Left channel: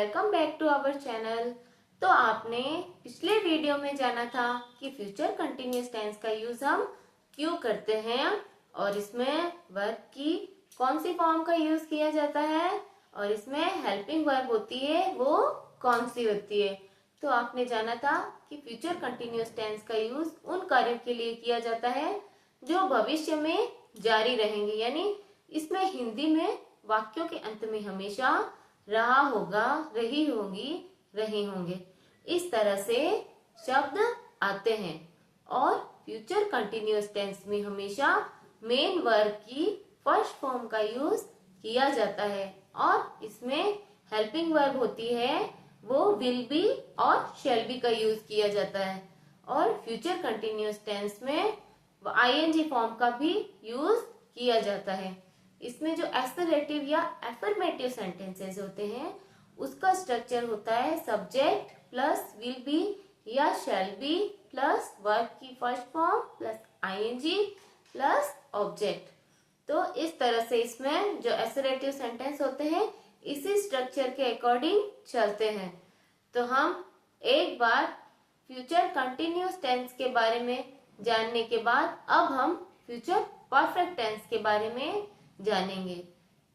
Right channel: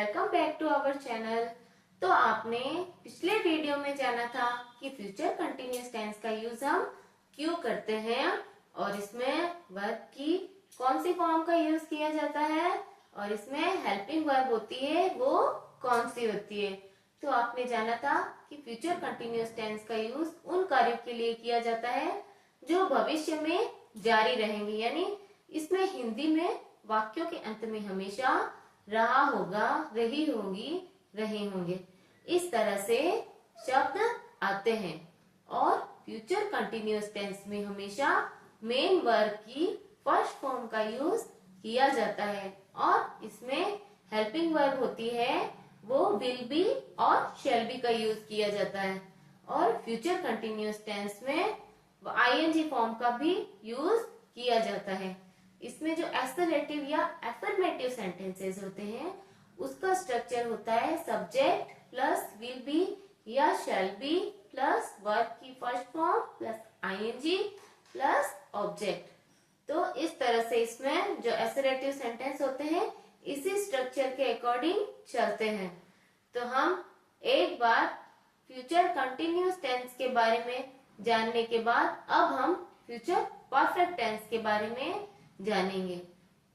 Welcome back to our channel. तो आपने पिछले वीडियो में जाना था कि फ्यूचर कंटिन्यूअस टेंस का यूज हम क्यों करते हैं और इसमें वर्ब की कौन सी फॉर्म का यूज किया जाता है और इसमें हेल्पिंग वर्ब होती है वो कौन सी होती है। तो आपने जाना था कि फ्यूचर कंटिन्यूअस टेंस का यूज उन कार्यों के लिए किया जाता है जो भविष्य में जारी रहेंगे, यानी इसमें हिंदी में वाक्यों के अंत में हमेशा रहा होगा, रही होंगी, रहे होंगे, इस तरह से शब्द आते हैं। और फ्यूचर कंटिन्यूअस टेंस में हमेशा मेन वर्ब की फर्स्ट फॉर्म का यूज किया जाता है और इसमें हेल्पिंग वर्ब होती है वो विल बी और शैल बी का यूज किया जाता है। और फ्यूचर कंटिन्यूअस टेंस में आईएनजी फॉर्म का भी यूज किया जाता है। इसमें जो एसरेटिव या एफर्मेटिव सेंटेंसेस होते हैं उसका स्ट्रक्चर होता है सब्जेक्ट प्लस विल बी या शैल बी प्लस वर्ब की first form plus ING plus object. तो इस तरह से इसमें जो एसरेटिव सेंटेंस होते हैं इसी स्ट्रक्चर के अकॉर्डिंग चलते हैं। तो हम एक बार फ्यूचर कंटिन्यूअस टेंस के बारे में जानने के बाद अब हम फ्यूचर परफेक्ट टेंस के बारे में जानेंगे।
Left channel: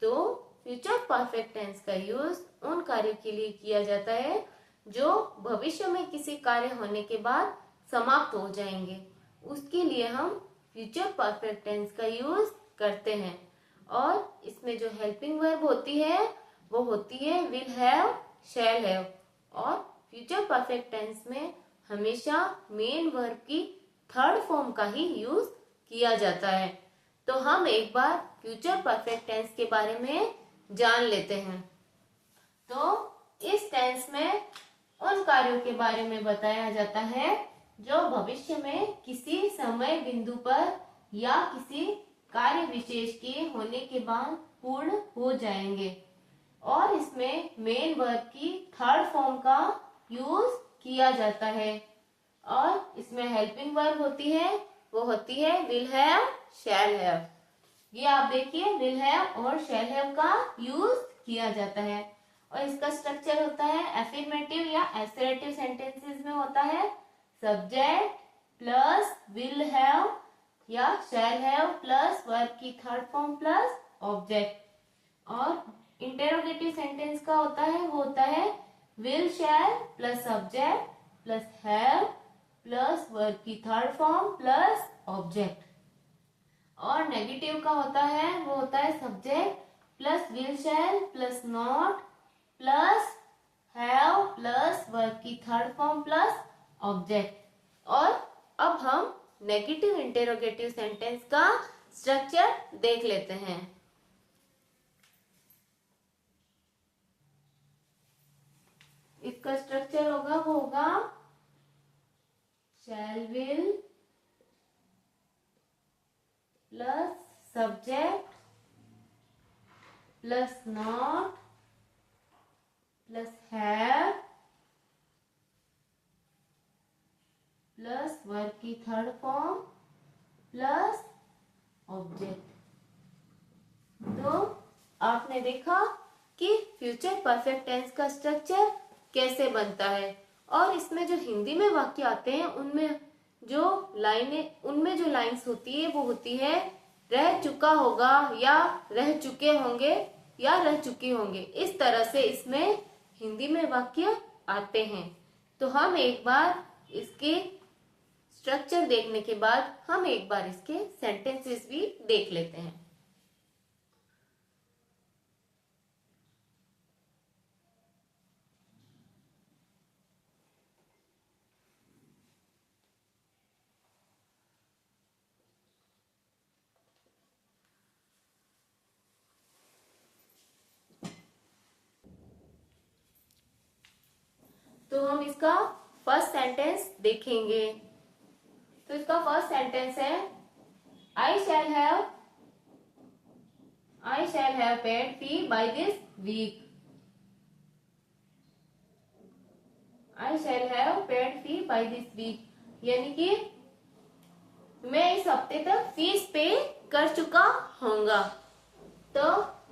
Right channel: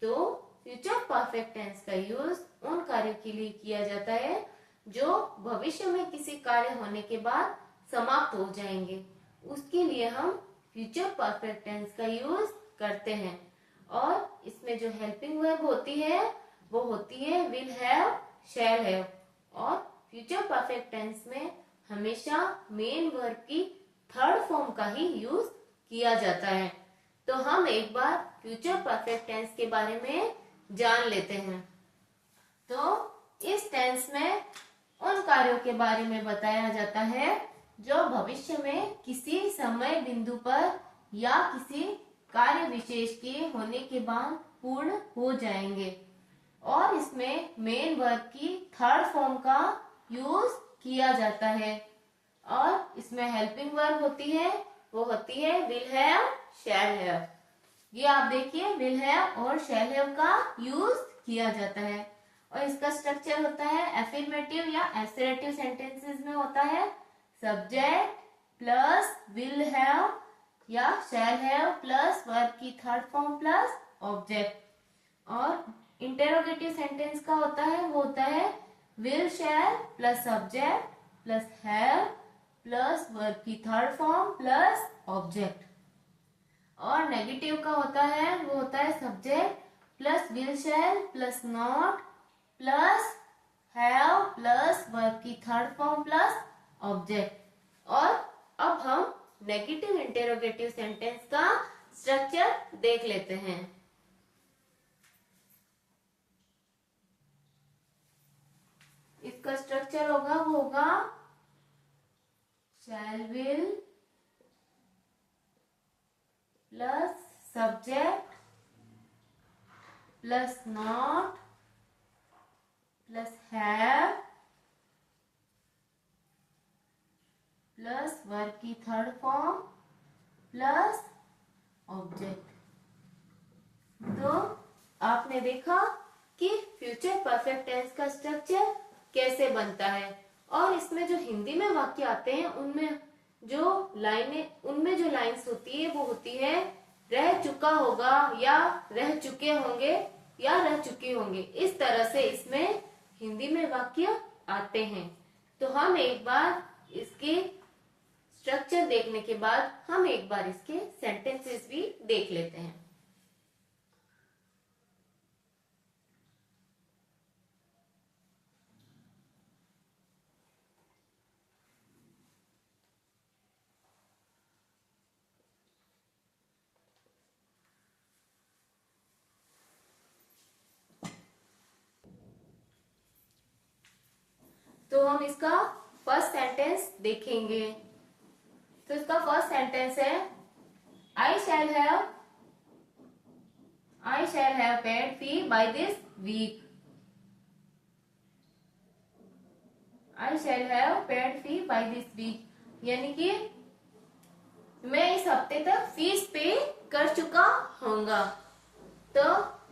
तो फ्यूचर परफेक्ट टेंस का यूज उन कार्यों के लिए किया जाता है जो भविष्य में किसी कार्य होने के बाद समाप्त हो जाएंगे, उसके लिए हम फ्यूचर परफेक्ट टेंस का यूज करते हैं। और इसमें जो हेल्पिंग वर्ब होती है वो होती है विल हैव, शैल हैव। और फ्यूचर परफेक्ट टेंस में हमेशा मेन वर्ब की थर्ड फॉर्म का ही यूज किया जाता है। तो हम एक बार फ्यूचर परफेक्ट टेंस के बारे में जान लेते हैं। तो इस टेंस में उन कार्यों के बारे में बताया जाता है जो भविष्य में किसी समय बिंदु पर या किसी कार्य विशेष के होने के बाद पूर्ण हो जाएंगे और इसमें मेन वर्ब की थर्ड फॉर्म का यूज किया जाता है। और इसमें हेल्पिंग वर्ब होती है वो होती है विल हैव, शैल हैव। ये आप देखिए विल हैव और शैल हैव का यूज किया जाता है। और इसका स्ट्रक्चर होता है एफर्मेटिव या एसरेटिव सेंटेंसेस में होता है सब्जेक्ट प्लस विल हैव या शैल हैव प्लस वर्ब की थर्ड फॉर्म प्लस ऑब्जेक्ट। और इंटेरोगेटिव सेंटेंस का होता है वो होता है will shell plus subject plus have plus verb की थर्ड फॉर्म प्लस ऑब्जेक्ट। और नेगेटिव का होता है वो होता है subject plus will shell plus not plus have plus verb की थर्ड फॉर्म प्लस ऑब्जेक्ट। और अब हम नेगेटिव इंटेरोगेटिव सेंटेंस का स्ट्रक्चर देख लेते हैं। इसका स्ट्रक्चर होगा शैल will plus subject plus not plus have plus verb की थर्ड फॉर्म प्लस ऑब्जेक्ट। तो आपने देखा कि फ्यूचर परफेक्ट टेंस का स्ट्रक्चर कैसे बनता है। और इसमें जो हिंदी में वाक्य आते हैं उनमें जो लाइन्स होती है वो होती है रह चुका होगा या रह चुके होंगे या रह चुके होंगे, इस तरह से इसमें हिंदी में वाक्य आते हैं। तो हम एक बार इसके स्ट्रक्चर देखने के बाद हम एक बार इसके सेंटेंसेस भी देख लेते हैं। तो हम इसका फर्स्ट सेंटेंस देखेंगे। तो इसका फर्स्ट सेंटेंस है I shall have paid fee by this week. I shall have paid fee by this week, यानी कि मैं इस हफ्ते तक फीस पे कर चुका होऊंगा। तो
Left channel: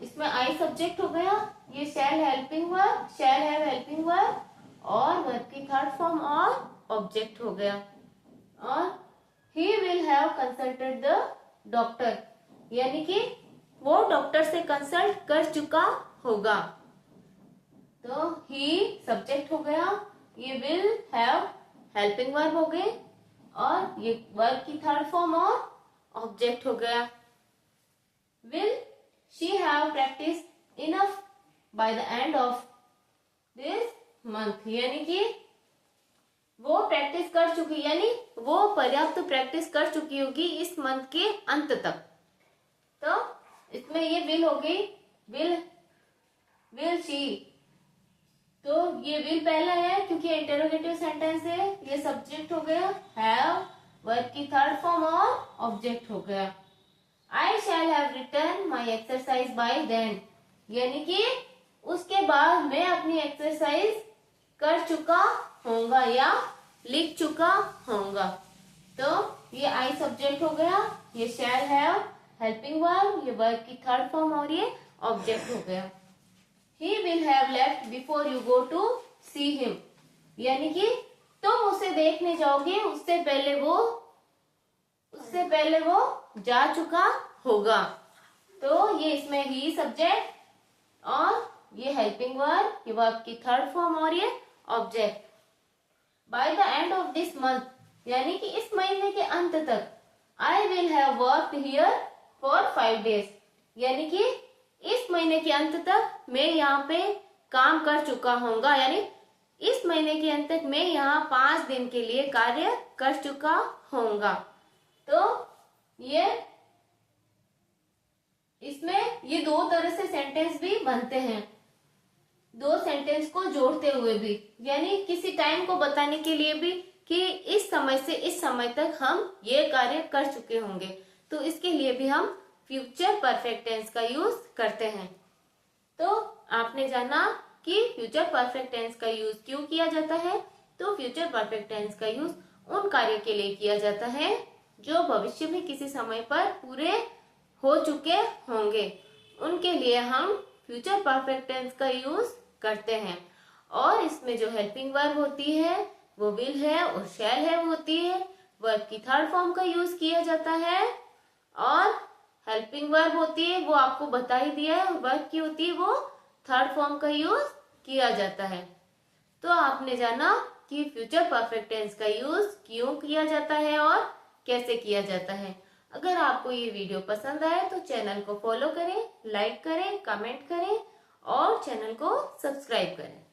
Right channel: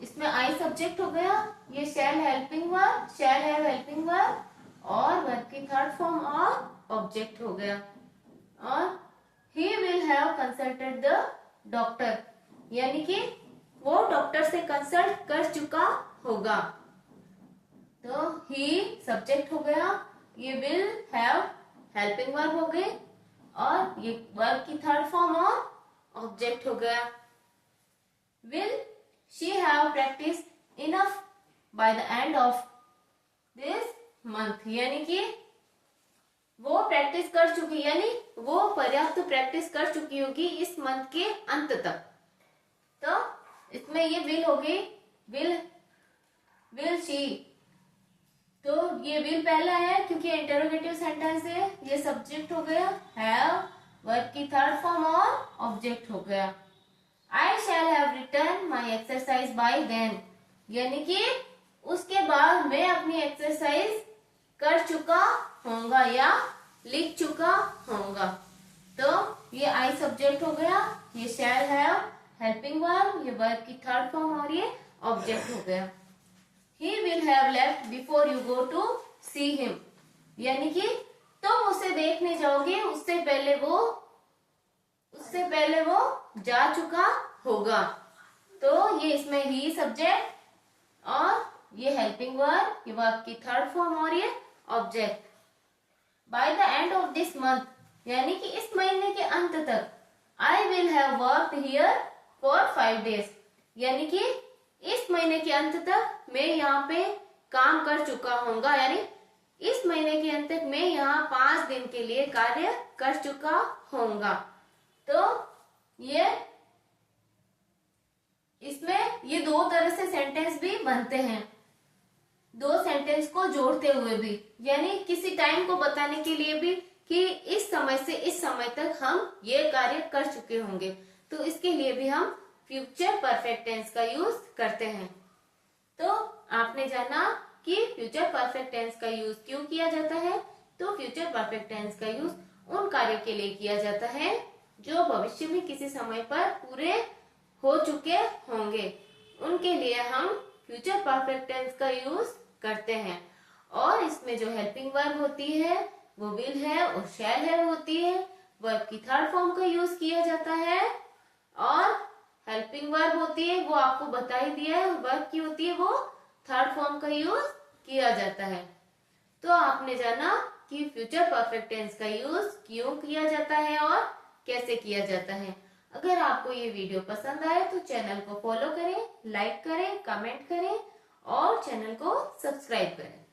इसमें इसमें आई सब्जेक्ट हो गया, ये shall helping verb, shall have helping verb, और वर्ब की थर्ड फॉर्म और ऑब्जेक्ट हो गया। और he will have consulted the doctor, यानी कि वो डॉक्टर से कंसल्ट कर चुका होगा। तो ही सब्जेक्ट हो गया, ये विल हैव हेल्पिंग वर्ब हो गई, और ये वर्ब की थर्ड फॉर्म और ऑब्जेक्ट हो गया। Will she have practised enough by the end of this month, यानी कि वो प्रैक्टिस कर चुकी, यानी वो पर्याप्त प्रैक्टिस कर चुकी होगी इस मंथ के अंत तक। तो इसमें ये विल हो गई, विल शी, तो ये विल पहला है क्योंकि इंटरोगेटिव सेंटेंस है, ये सब्जेक्ट हो गया, हैव वर्ब की थर्ड फॉर्म और ऑब्जेक्ट हो गया। I shall have written my exercise by then, यानी कि उसके बाद मैं अपनी एक्सरसाइज कर चुका होऊंगा या लिख चुका होऊंगा। तो ये आई सब्जेक्ट हो गया, ये शैल हैव हेल्पिंग वर्ब, ये वर्ब की थर्ड फॉर्म और ये ऑब्जेक्ट हो गया। He will have left before you go to see him, यानी कि तुम उसे देखने जाओगे उससे पहले वो जा चुका होगा। तो ये इसमें ही सब्जेक्ट और ये हेल्पिंग वर्ब, ये वर्ब की थर्ड फॉर्म और ये object. By the end of this month, यानी कि इस महीने के अंत तक, I will have worked here for 5 days, यानी कि इस महीने के अंत तक मैं यहाँ पे काम कर चुका होऊंगा, यानी इस महीने के अंत तक मैं यहाँ 5 दिन के लिए कार्य कर चुका होऊंगा। तो ये इसमें ये दो तरह से सेंटेंस भी बनते हैं, दो सेंटेंस को जोड़ते हुए भी, यानी किसी टाइम को बताने के लिए भी कि इस समय से इस समय तक हम ये कार्य कर चुके होंगे, तो इसके लिए भी हम फ्यूचर परफेक्ट टेंस का यूज करते हैं। तो आपने जाना कि फ्यूचर परफेक्ट टेंस का यूज क्यों किया जाता है। तो फ्यूचर परफेक्ट टेंस का यूज उन कार्यों के लिए किया जाता है जो भविष्य में किसी समय पर पूरे हो चुके होंगे, उनके लिए हम फ्यूचर परफेक्ट टेंस का यूज करते हैं। और इसमें जो हेल्पिंग वर्ब होती है वो विल है और शैल है होती है, वर्ब की थर्ड फॉर्म का यूज किया जाता है, और हेल्पिंग वर्ब होती है वो आपको बता ही दिया है, वर्ब की होती है वो थर्ड फॉर्म का यूज किया जाता है। तो आपने जाना कि फ्यूचर परफेक्ट टेंस का यूज क्यों किया जाता है और कैसे किया जाता है। अगर आपको ये वीडियो पसंद आए तो चैनल को फॉलो करें, लाइक करें, कमेंट करें और चैनल को सब्सक्राइब करें।